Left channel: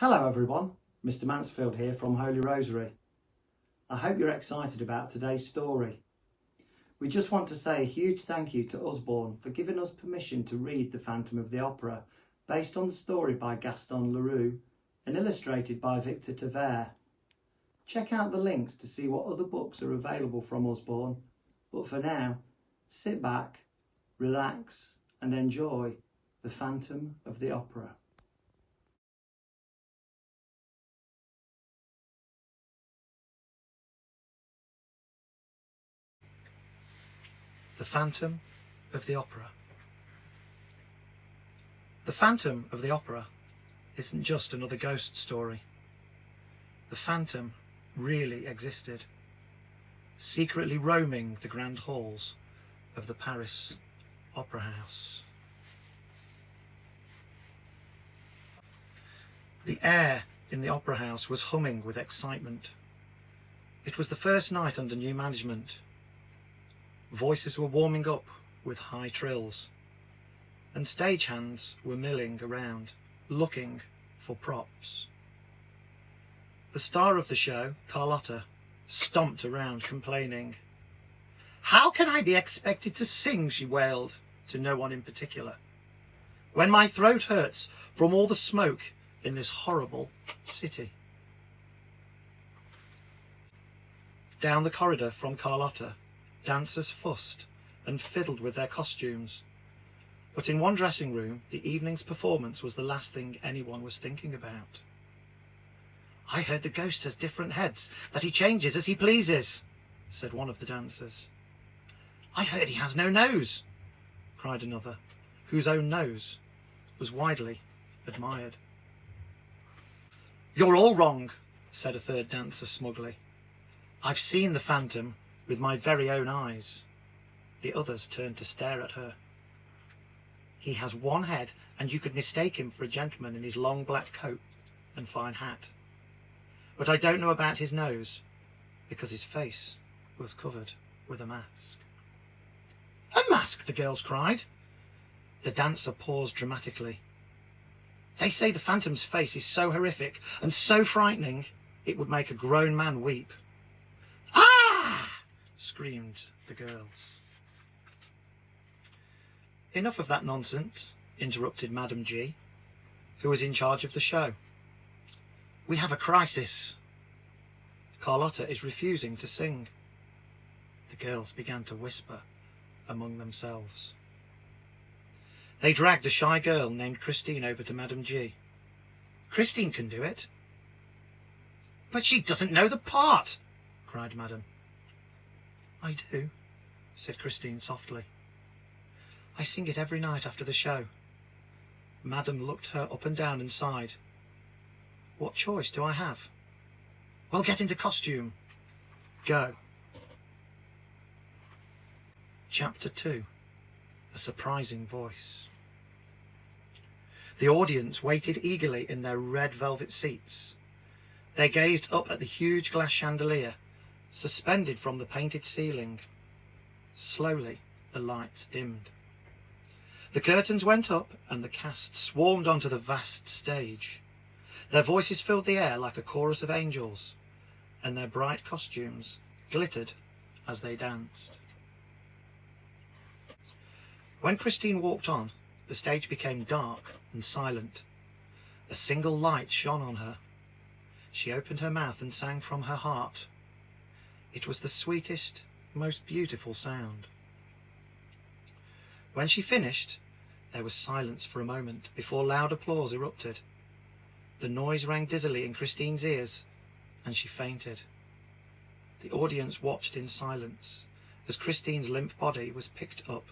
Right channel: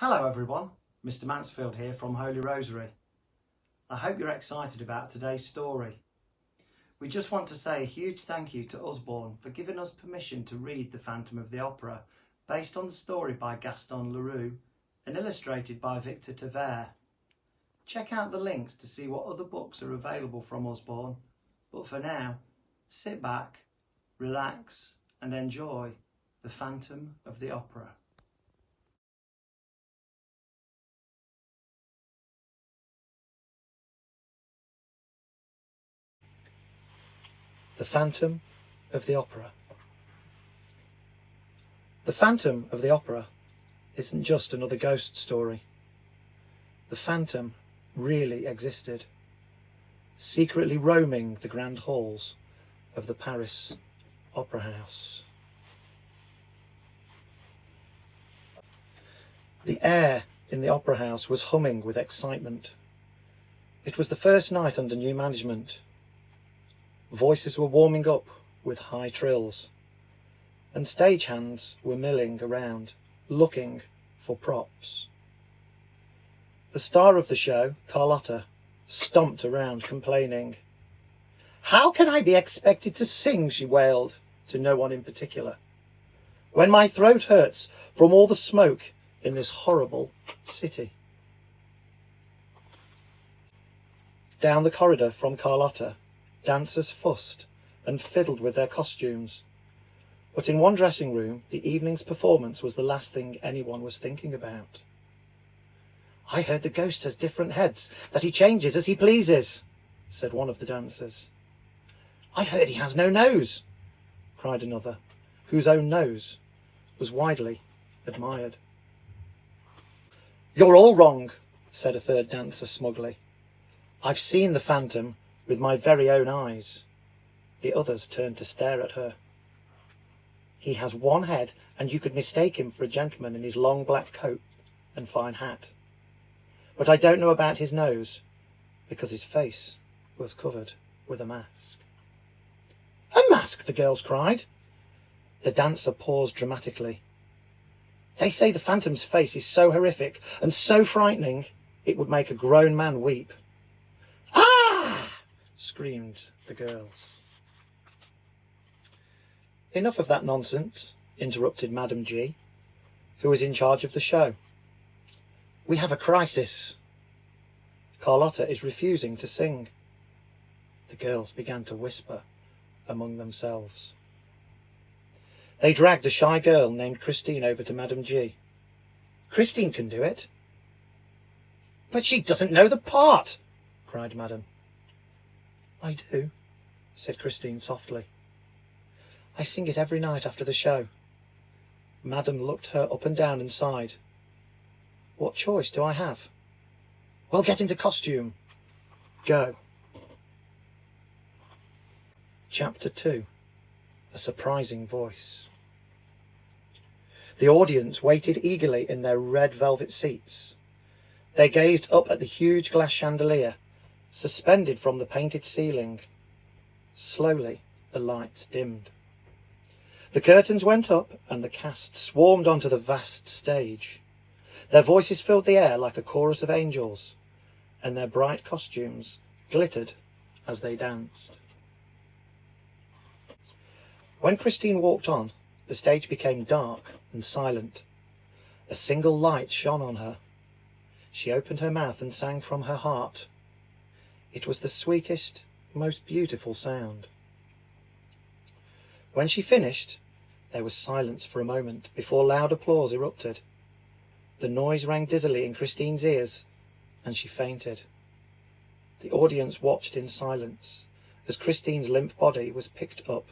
Hello everyone, Mr Mansfield here from Holy Rosary. I hope you're excited about today's story. We just want to say a huge thank you to Usborne for giving us permission to read The Phantom of the Opera, based on the story by Gaston Leroux and illustrated by Victor Tavares. Check out the links to see what other books are available from Usborne, but for now, sit back, relax and enjoy The Phantom of the Opera. The Phantom of the Opera. The Phantom of the Opera isn't just another ghost story. The Phantom really existed, secretly roaming the grand halls of the Paris Opera House. The air in the Opera House was humming with excitement. It was the first night under new management. Voices were warming up with high trills, and stagehands were milling around, looking for props. The star of the show, Carlotta, stomped around complaining. "How can I be expected to sing?" she wailed, to no one in particular, "when my throat hurts from all the smoke in this horrible city." Down the corridor from Carlotta, dancers fussed and fiddled with their costumes, but in one dressing room the evening's performance was the last thing anyone was thinking about. "I heard the ghost has different heads, that he changes as he pleases," said one of the dancers. "I've heard he has no nose," cried another, whose own nose was widely admired. "You're all wrong," said a third dancer smugly. "I've seen the Phantom with my very own eyes." The others turned to stare at her. "He has one head, and you could mistake him for a gentleman in his long black coat and fine hat. But I don't know about his nose, because his face was covered with a mask." "A mask!" the girls cried. The dancer paused dramatically. "They say the Phantom's face is so horrific and so frightening, it would make a grown man weep." "Ah!" screamed the girls. "Enough of that nonsense," interrupted Madame G, who was in charge of the show. "We have a crisis. Carlotta is refusing to sing." The girls began to whisper among themselves. They dragged a shy girl named Christine over to Madame G. "Christine can do it." "But she doesn't know the part," cried Madame. "I do," said Christine softly. "I sing it every night after the show." Madame looked her up and down and sighed. "What choice do I have?" "Well, get into costume. Go." Chapter 2. A Surprising Voice. The audience waited eagerly in their red velvet seats. They gazed up at the huge glass chandelier, suspended from the painted ceiling. Slowly, the lights dimmed. The curtains went up, and the cast swarmed onto the vast stage. Their voices filled the air like a chorus of angels, and their bright costumes glittered as they danced. When Christine walked on, the stage became dark and silent. A single light shone on her. She opened her mouth and sang from her heart. It was the sweetest, most beautiful sound. When she finished, there was silence for a moment before loud applause erupted. The noise rang dizzily in Christine's ears, and she fainted. The audience watched in silence as Christine's limp body was picked up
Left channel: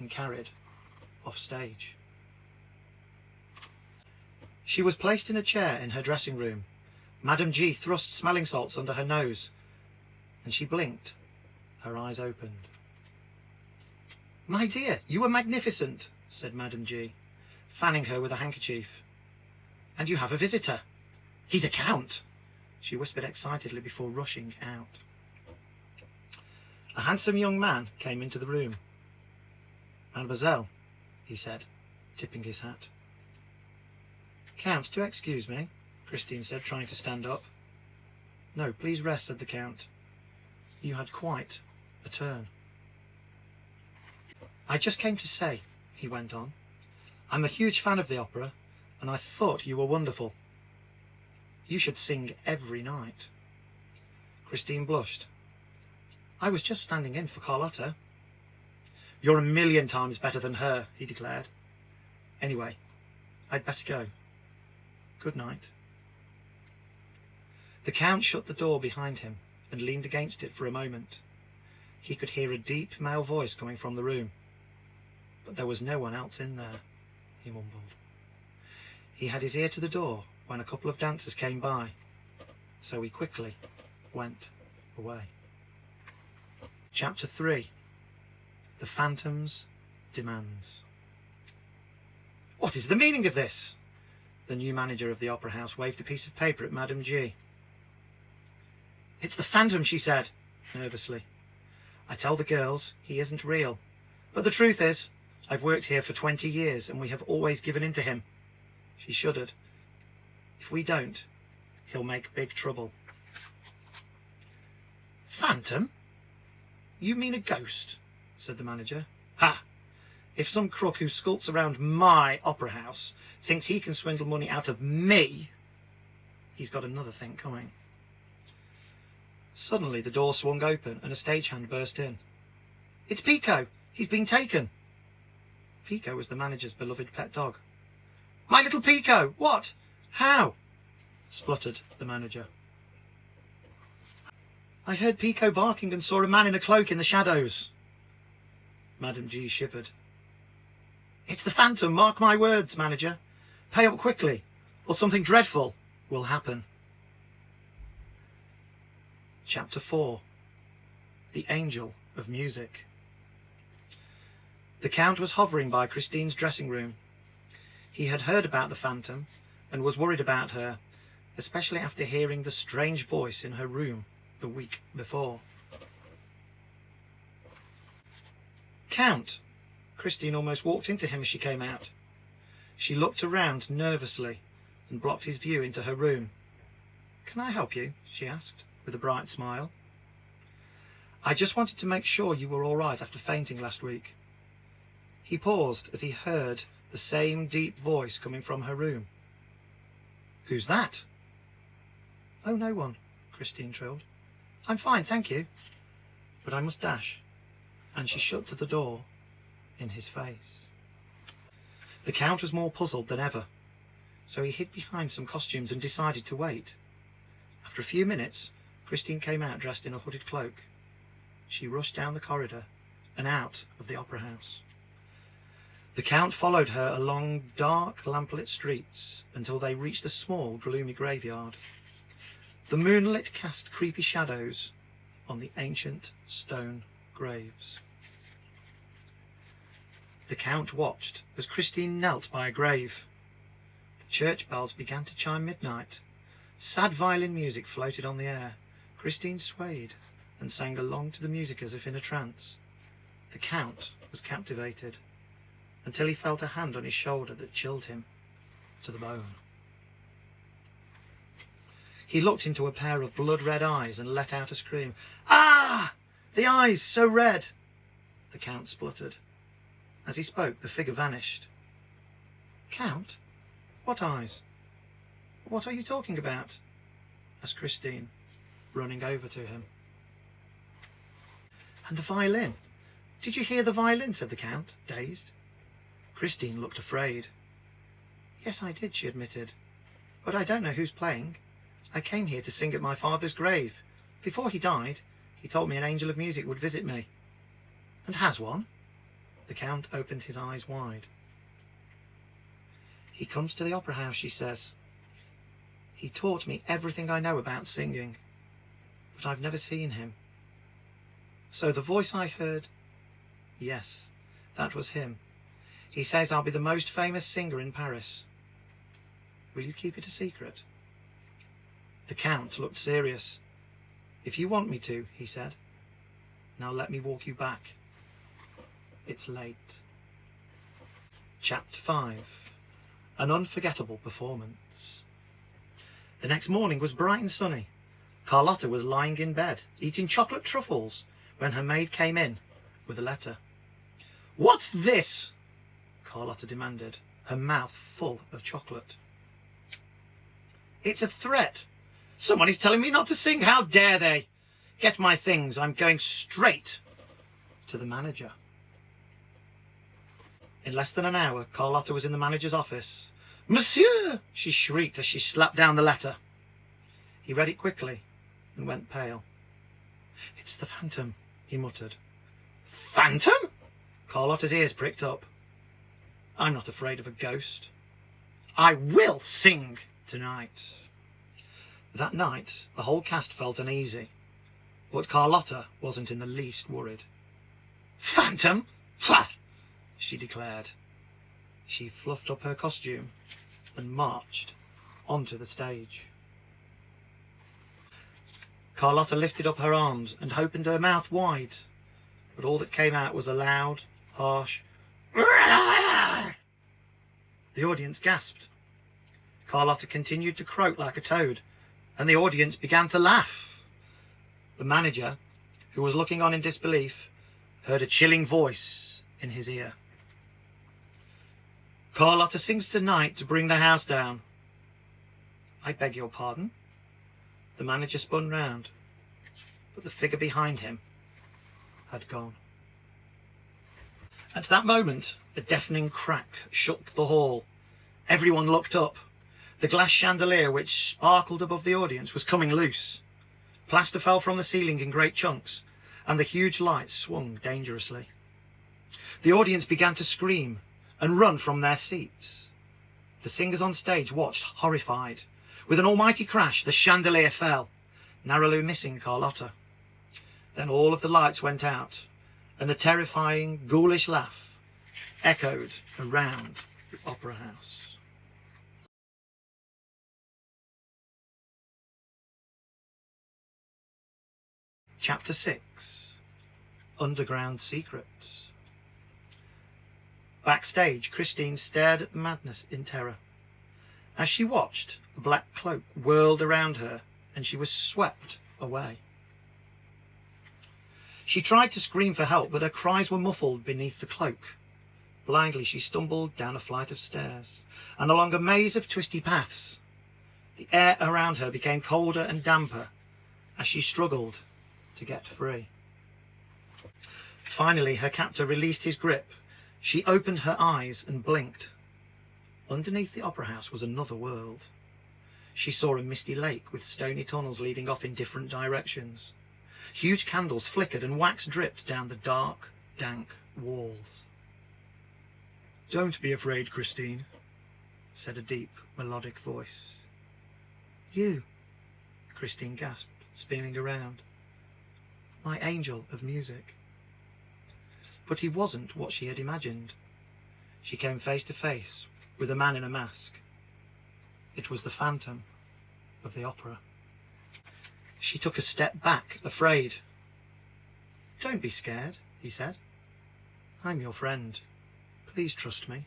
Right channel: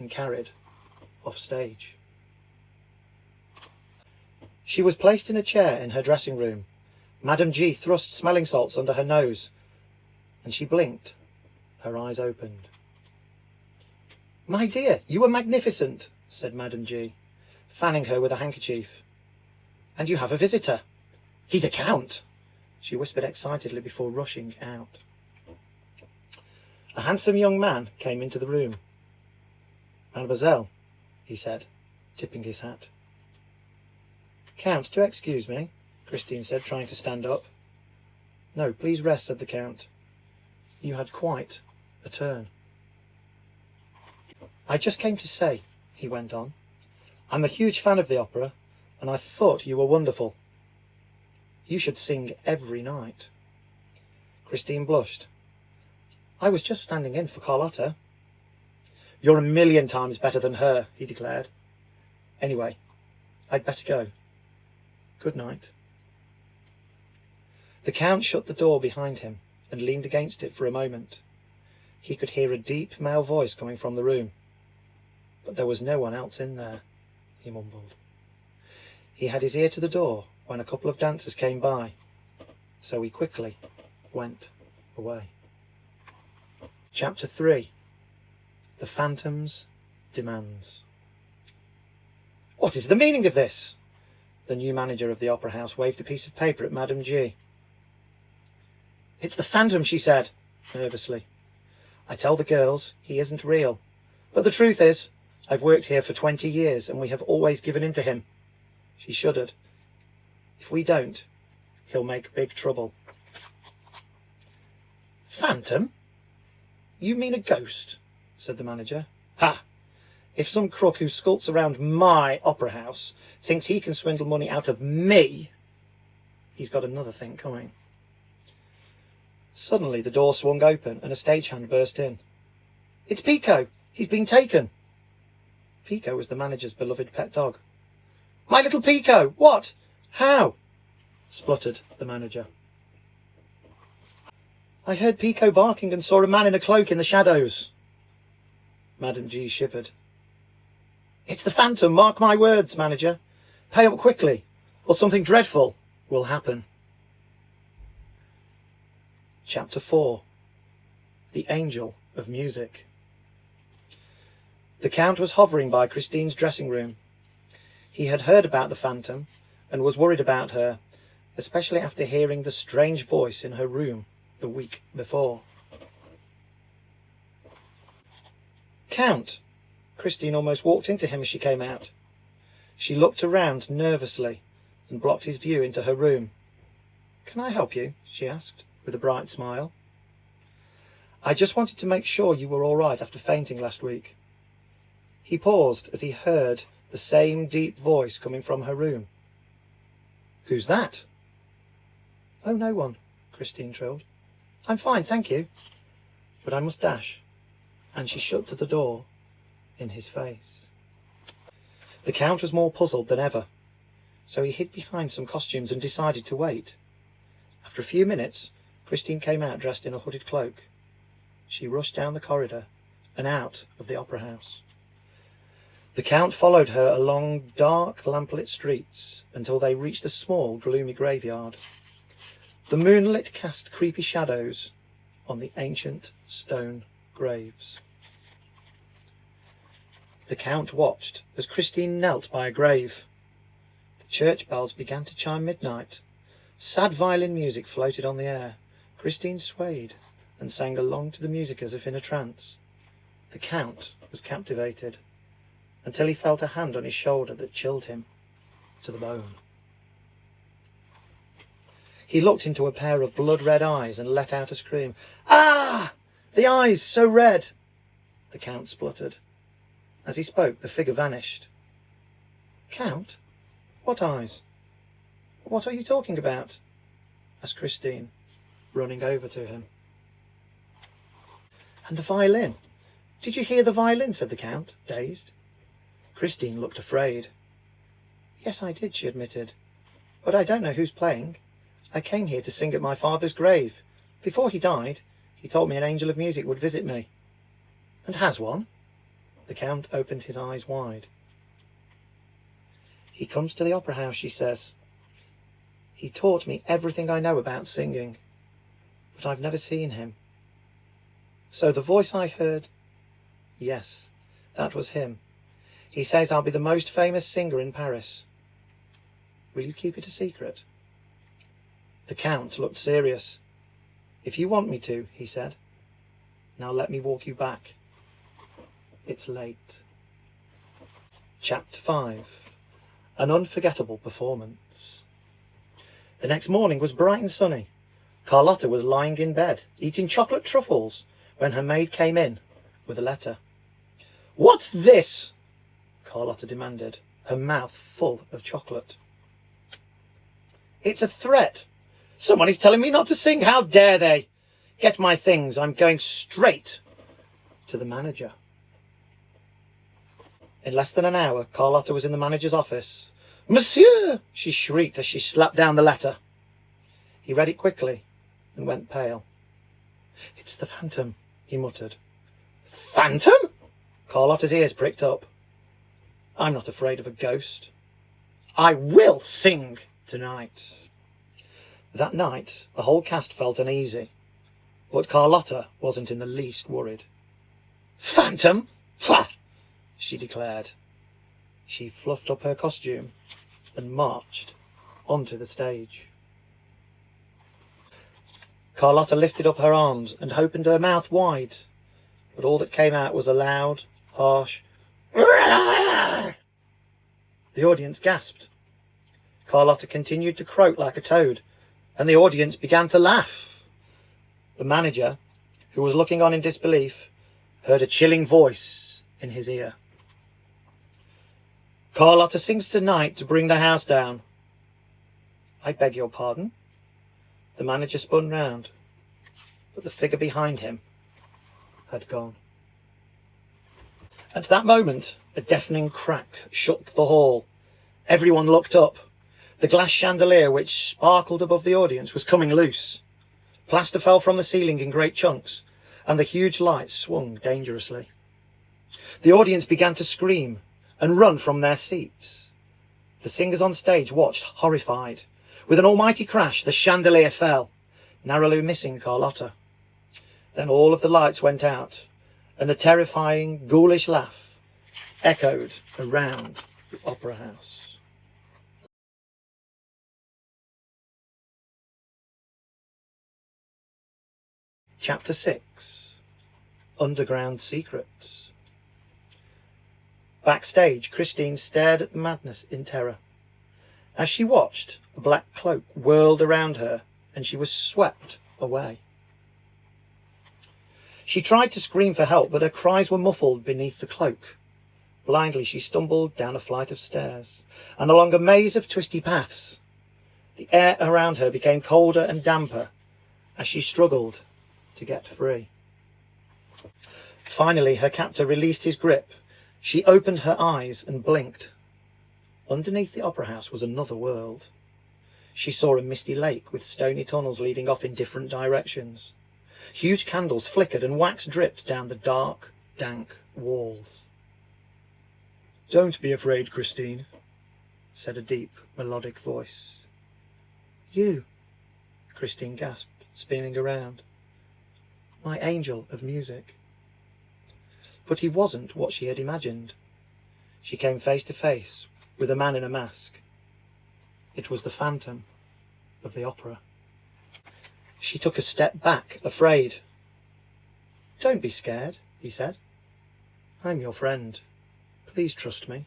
and carried off stage. She was placed in a chair in her dressing room. Madame G thrust smelling salts under her nose, and she blinked. Her eyes opened. "My dear, you were magnificent," said Madame G, fanning her with a handkerchief. "And you have a visitor. He's a count," she whispered excitedly before rushing out. A handsome young man came into the room. "Mademoiselle," he said, tipping his hat. "Count, do excuse me," Christine said, trying to stand up. No, please rest, said the Count. You had quite a turn. I just came to say, he went on, I'm a huge fan of the opera, and I thought you were wonderful. You should sing every night. Christine blushed. I was just standing in for Carlotta. You're 1,000,000 times better than her, he declared. Anyway, I'd better go. Good night. The Count shut the door behind him and leaned against it for a moment. He could hear a deep male voice coming from the room. But there was no one else in there, he mumbled. He had his ear to the door when a couple of dancers came by, so he quickly went away. Chapter 3. The Phantom's Demands. What is the meaning of this? The new manager of the opera house waved a piece of paper at Madame G. It's the Phantom, she said, nervously. I tell the girls he isn't real, but the truth is, I've worked here for 20 years and we have always given in to him. She shuddered. If we don't, he'll make big trouble. Phantom? You mean a ghost? Said the manager. Ha! If some crook who skulks around my opera house thinks he can swindle money out of me, he's got another thing coming. Suddenly the door swung open and a stagehand burst in. It's Pico! He's been taken! Pico was the manager's beloved pet dog. My little Pico! What? How? Spluttered the manager. I heard Pico barking and saw a man in a cloak in the shadows. Madame G shivered. It's the Phantom, mark my words, manager. Pay up quickly, or something dreadful will happen. Chapter 4. The Angel of Music. The Count was hovering by Christine's dressing room. He had heard about the Phantom and was worried about her, especially after hearing the strange voice in her room the week before. Count! Christine almost walked into him as she came out. She looked around nervously and blocked his view into her room. Can I help you? She asked, with a bright smile. I just wanted to make sure you were all right after fainting last week. He paused as he heard the same deep voice coming from her room. Who's that? Oh, no one, Christine trilled. I'm fine, thank you. But I must dash. And she shut the door in his face. The Count was more puzzled than ever, so he hid behind some costumes and decided to wait. After a few minutes, Christine came out dressed in a hooded cloak. She rushed down the corridor and out of the opera house. The Count followed her along dark, lamplit streets until they reached a small, gloomy graveyard. The moonlit cast creepy shadows on the ancient stone graves. The Count watched as Christine knelt by a grave. The church bells began to chime midnight. Sad violin music floated on the air. Christine swayed and sang along to the music as if in a trance. The Count was captivated, until he felt a hand on his shoulder that chilled him to the bone. He looked into a pair of blood-red eyes and let out a scream. Ah! The eyes, so red! The Count spluttered. As he spoke, the figure vanished. Count? What eyes? What are you talking about? Asked Christine, running over to him. And the violin? Did you hear the violin? Said the Count, dazed. Christine looked afraid. Yes, I did, she admitted. But I don't know who's playing. I came here to sing at my father's grave. Before he died, he told me an angel of music would visit me. And has one? The Count opened his eyes wide. He comes to the opera house, she says. He taught me everything I know about singing, but I've never seen him. So the voice I heard, yes, that was him. He says I'll be the most famous singer in Paris. Will you keep it a secret? The Count looked serious. If you want me to, he said. Now let me walk you back. It's late. Chapter 5. An unforgettable performance. The next morning was bright and sunny. Carlotta was lying in bed, eating chocolate truffles, when her maid came in with a letter. "What's this?" Carlotta demanded, her mouth full of chocolate. "It's a threat. Someone is telling me not to sing. How dare they? Get my things. I'm going straight to the manager." In less than an hour, Carlotta was in the manager's office. "Monsieur!" she shrieked as she slapped down the letter. He read it quickly and went pale. "It's the Phantom," he muttered. "Phantom?" Carlotta's ears pricked up. "I'm not afraid of a ghost. I will sing tonight." That night, the whole cast felt uneasy, but Carlotta wasn't in the least worried. "Phantom? Pah!" she declared. She fluffed up her costume and marched onto the stage. Carlotta lifted up her arms and opened her mouth wide, but all that came out was a loud, harsh "Rah!" The audience gasped. Carlotta continued to croak like a toad, and the audience began to laugh. The manager, who was looking on in disbelief, heard a chilling voice in his ear. "Carlotta sings tonight to bring the house down." "I beg your pardon?" The manager spun round, but the figure behind him had gone. At that moment, a deafening crack shook the hall. Everyone looked up. The glass chandelier which sparkled above the audience was coming loose. Plaster fell from the ceiling in great chunks, and the huge lights swung dangerously. The audience began to scream and run from their seats. The singers on stage watched, horrified. With an almighty crash, the chandelier fell, narrowly missing Carlotta. Then all of the lights went out, and a terrifying, ghoulish laugh echoed around the opera house. Chapter 6. Underground Secrets. Backstage, Christine stared at the madness in terror. As she watched, a black cloak whirled around her, and she was swept away. She tried to scream for help, but her cries were muffled beneath the cloak. Blindly, she stumbled down a flight of stairs and along a maze of twisty paths. The air around her became colder and damper as she struggled to get free. Finally, her captor released his grip. She opened her eyes and blinked. Underneath the opera house was another world. She saw a misty lake with stony tunnels leading off in different directions. Huge candles flickered and wax dripped down the dark, dank walls. "Don't be afraid, Christine," said a deep, melodic voice. "You," Christine gasped, spinning around. "My angel of music." But he wasn't what she had imagined. She came face to face with a man in a mask. It was the Phantom of the opera. She took a step back, afraid. "Don't be scared," he said. "I'm your friend. Please trust me."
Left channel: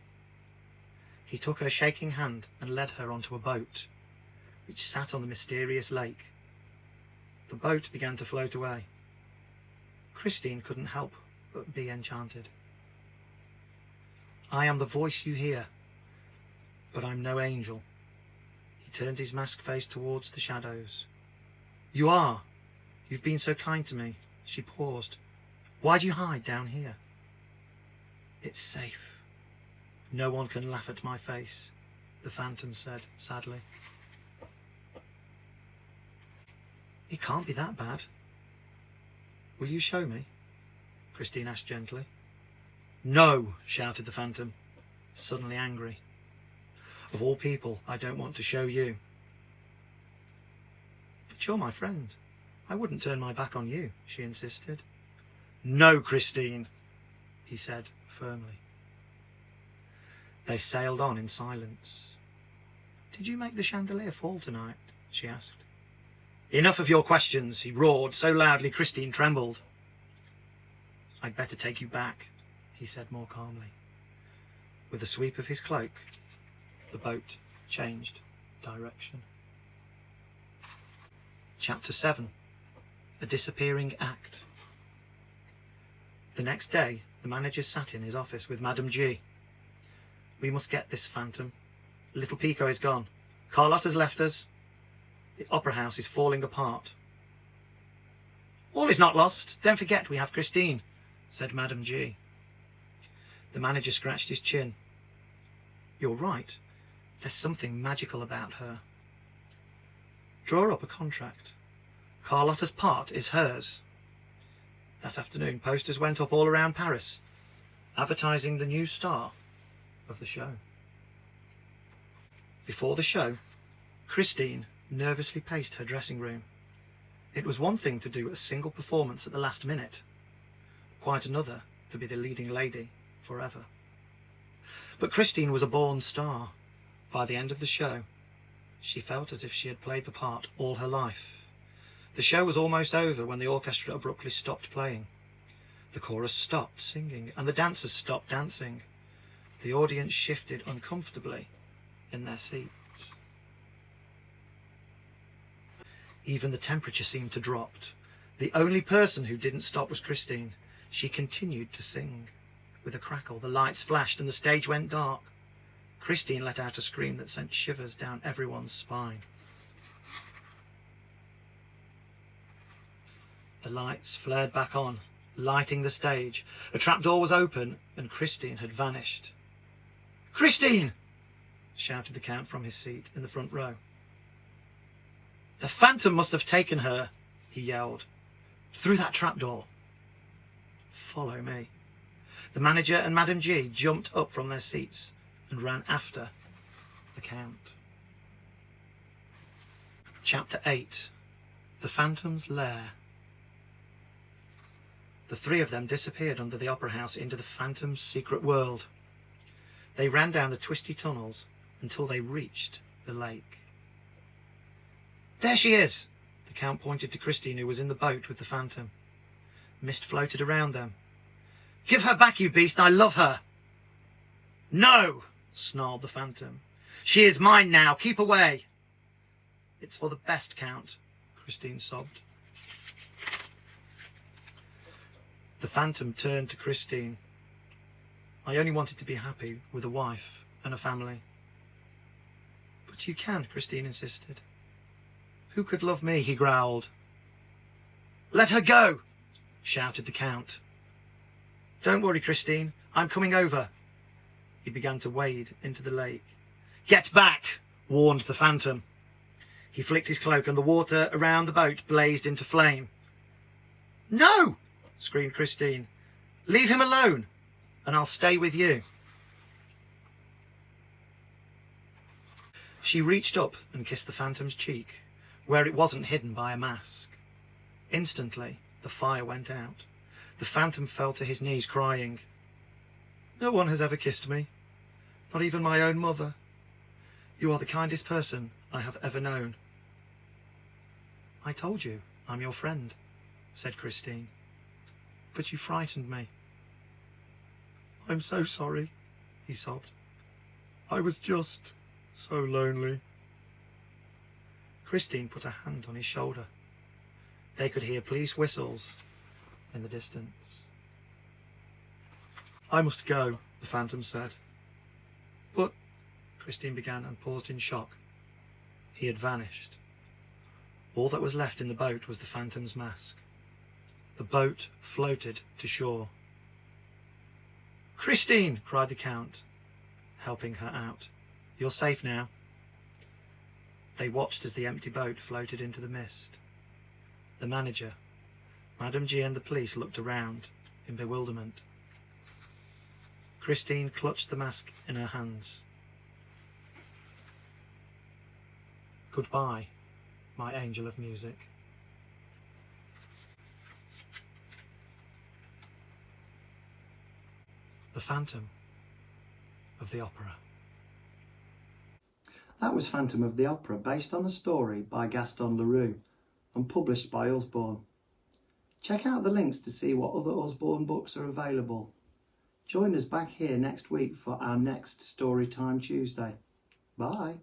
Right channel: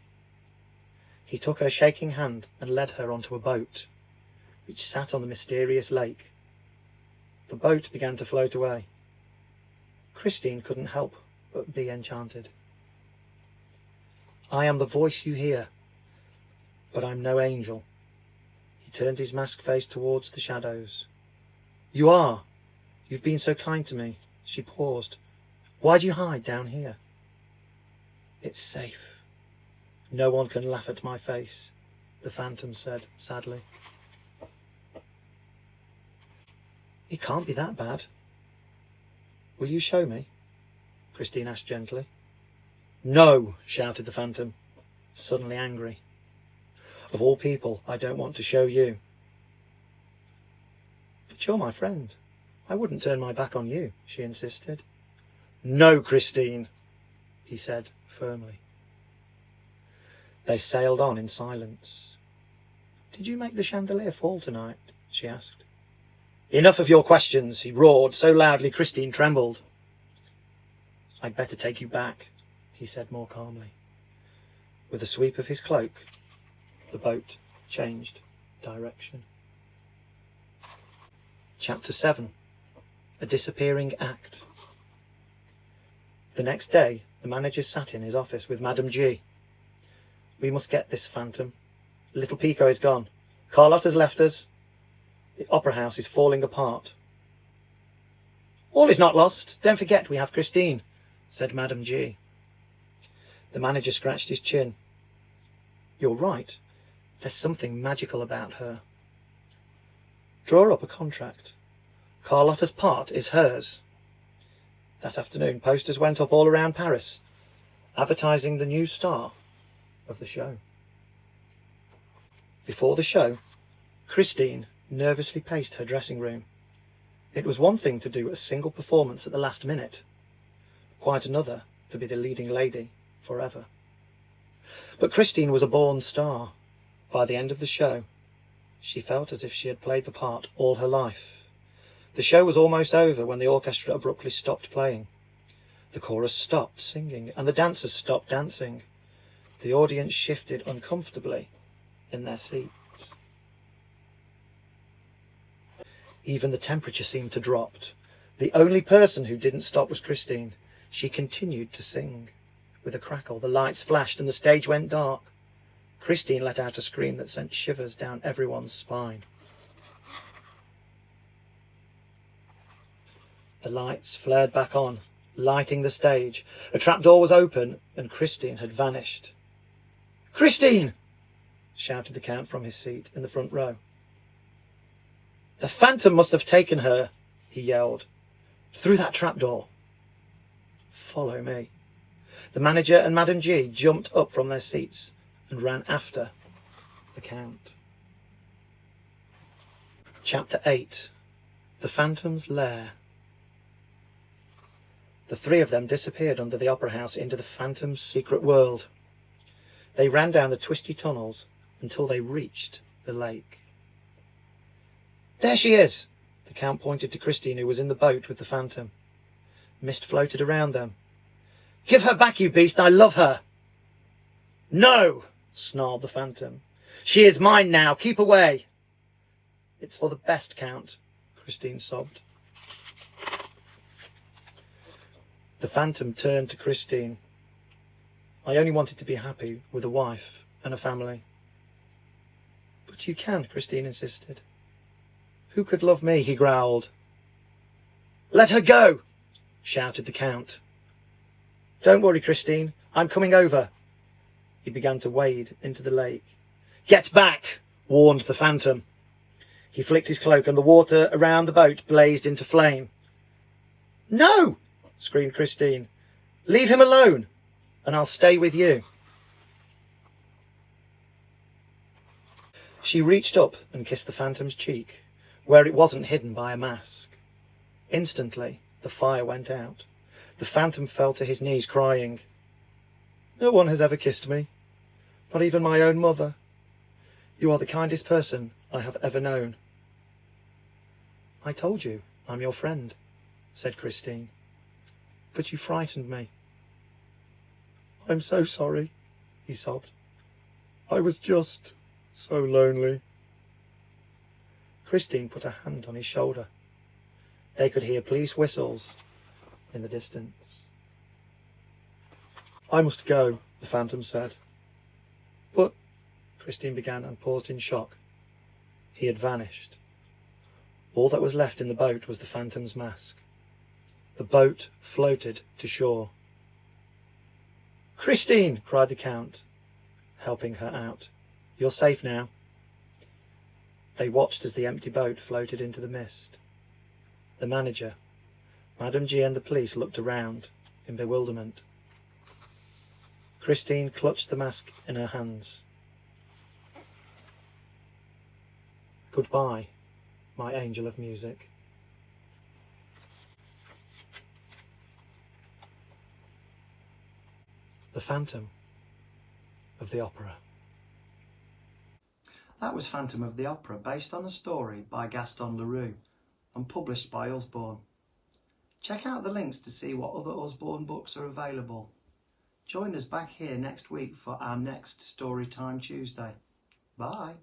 He took her shaking hand and led her onto a boat, which sat on the mysterious lake. The boat began to float away. Christine couldn't help but be enchanted. "I am the voice you hear, but I'm no angel." He turned his masked face towards the shadows. "You are. You've been so kind to me." She paused. "Why do you hide down here?" "It's safe. No one can laugh at my face," the Phantom said sadly. "It can't be that bad." "Will you show me?" Christine asked gently. "No!" shouted the Phantom, suddenly angry. "Of all people, I don't want to show you." "But you're my friend. I wouldn't turn my back on you," she insisted. "No, Christine," he said firmly. They sailed on in silence. "Did you make the chandelier fall tonight?" she asked. "Enough of your questions," he roared so loudly Christine trembled. "I'd better take you back," he said more calmly. With a sweep of his cloak, the boat changed direction. Chapter 7. A Disappearing Act. The next day, the manager sat in his office with Madame G. "We must get this phantom. Little Pico is gone. Carlotta's left us. The opera house is falling apart." "All is not lost. Don't forget we have Christine," said Madame G. The manager scratched his chin. "You're right. There's something magical about her. Draw up a contract. Carlotta's part is hers." That afternoon, posters went up all around Paris, advertising the new star of the show. Before the show, Christine nervously paced her dressing room. It was one thing to do a single performance at the last minute, quite another to be the leading lady forever. But Christine was a born star. By the end of the show, she felt as if she had played the part all her life. The show was almost over when the orchestra abruptly stopped playing. The chorus stopped singing and the dancers stopped dancing. The audience shifted uncomfortably in their seats. Even the temperature seemed to drop. The only person who didn't stop was Christine. She continued to sing. With a crackle, the lights flashed and the stage went dark. Christine let out a scream that sent shivers down everyone's spine. The lights flared back on, lighting the stage. A trapdoor was open and Christine had vanished. "Christine!" shouted the Count from his seat in the front row. "The phantom must have taken her," he yelled, "through that trapdoor. Follow me." The manager and Madame G jumped up from their seats and ran after the Count. Chapter 8. The Phantom's Lair. The three of them disappeared under the opera house into the Phantom's secret world. They ran down the twisty tunnels until they reached the lake. "There she is!" The Count pointed to Christine, who was in the boat with the Phantom. Mist floated around them. "Give her back, you beast! I love her!" "No!" snarled the Phantom. "She is mine now! Keep away!" "It's for the best, Count," Christine sobbed. The Phantom turned to Christine. "I only wanted to be happy with a wife and a family." "But you can," Christine insisted. "Who could love me?" he growled. "Let her go!" shouted the Count. "Don't worry, Christine. I'm coming over." He began to wade into the lake. "Get back!" warned the Phantom. He flicked his cloak and the water around the boat blazed into flame. "No!" screamed Christine. "Leave him alone, and I'll stay with you." She reached up and kissed the Phantom's cheek, where it wasn't hidden by a mask. Instantly, the fire went out. The Phantom fell to his knees, crying, "No one has ever kissed me, not even my own mother. You are the kindest person I have ever known." "I told you I'm your friend," said Christine. "But you frightened me." "I'm so sorry," he sobbed. "I was just so lonely." Christine put a hand on his shoulder. They could hear police whistles in the distance. "I must go," the Phantom said. "But," Christine began and paused in shock. He had vanished. All that was left in the boat was the Phantom's mask. The boat floated to shore. "Christine!" cried the Count, helping her out. "You're safe now." They watched as the empty boat floated into the mist. The manager, Madame G and the police looked around in bewilderment. Christine clutched the mask in her hands. "Goodbye, my angel of music." The Phantom of the Opera. That was Phantom of the Opera, based on a story by Gaston Leroux and published by Usborne. Check out the links to see what other Usborne books are available. Join us back here next week for our next Storytime Tuesday. Bye.